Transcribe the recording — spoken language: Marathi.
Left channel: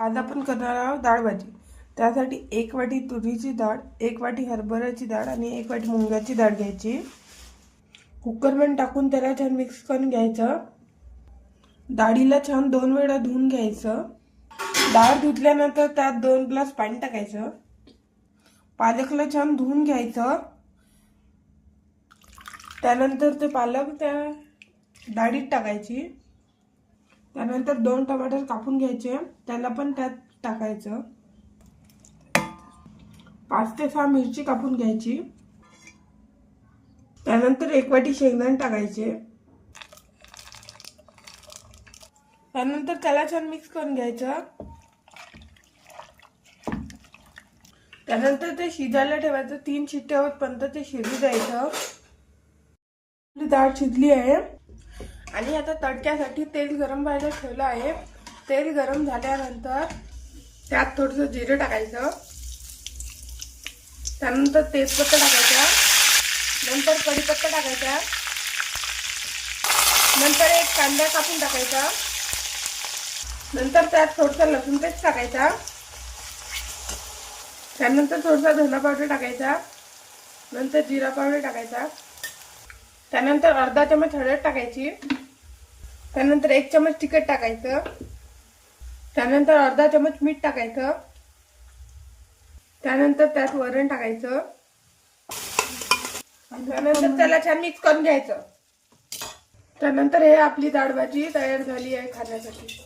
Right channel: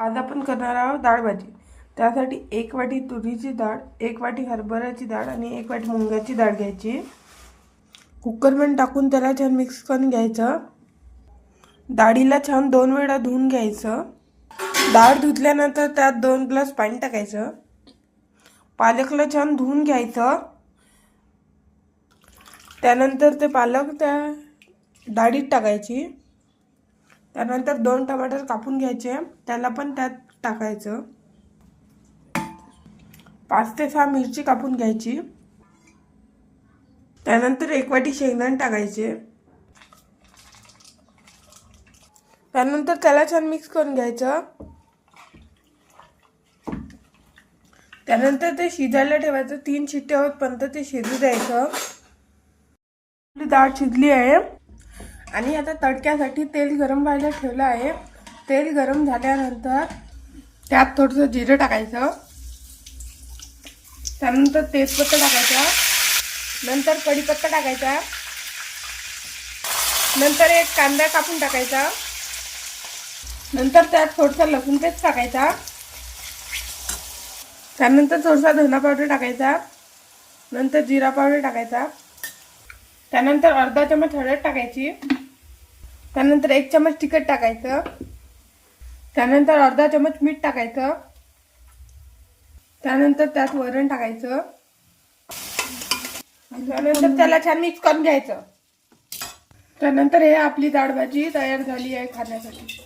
आज आपण करणार आहोत डाळ भाजी। त्यासाठी 1 वाटी तुरीची डाळ, 1 वाटी हरभऱ्याची डाळ आणि 1 वाटी मुंगाची डाळ घ्यायची। कुकरमध्ये टाकून त्याला छान मिक्स करून घ्यायचं। डाळीला छान 2 वेळा धुवून घ्यायचं। डाळ धुतल्यानंतर त्यात 2 ग्लास पाणी टाकायचं। पालकला छान धुवून घ्यायचं। त्यानंतर ते पालक त्या डाळीत टाकायची। त्यानंतर 2 टमाटर कापून घ्यायचे, त्याला पण त्यात टाकायचं। 5 ते 6 मिरची कापून घ्यायची। त्यानंतर 1 वाटी शेंगदाणे टाकायचे। त्यानंतर त्याला छान मिक्स करून घ्यायचं। त्यानंतर ते शिजायला ठेवायचं। 3 शिट्ट्या होईपर्यंत ते शिजू द्यायचं। डाळ शिजली आहे आणि आता तडक्यासाठी तेल गरम व्हायला ठेवलं आहे। तेल गरम झाल्यानंतर त्यात थोडंसं जिरं टाकायचं। त्यानंतर तेजपत्ता टाकायचा, नंतर कढीपत्ता टाकायचा, नंतर 1 कांदा कापून टाकायचा, नंतर त्यात थोडंसं लसूण पेस्ट टाकायचा, त्यानंतर थोडासा धना पावडर टाकायचा, नंतर जिरा पावडर टाकायचा, त्यानंतर अर्धा चमच हळद टाकायची, त्यानंतर 1 चमच तिखट टाकायचं, त्यानंतर अर्धा चमच मीठ टाकायचं, त्यानंतर त्यात वरण टाकायचं, त्यानंतर त्याला छान मिक्स करून घ्यायचं। त्यानंतर हे आपली डाळ भाजी तयार झाली आहे खाण्यासाठी।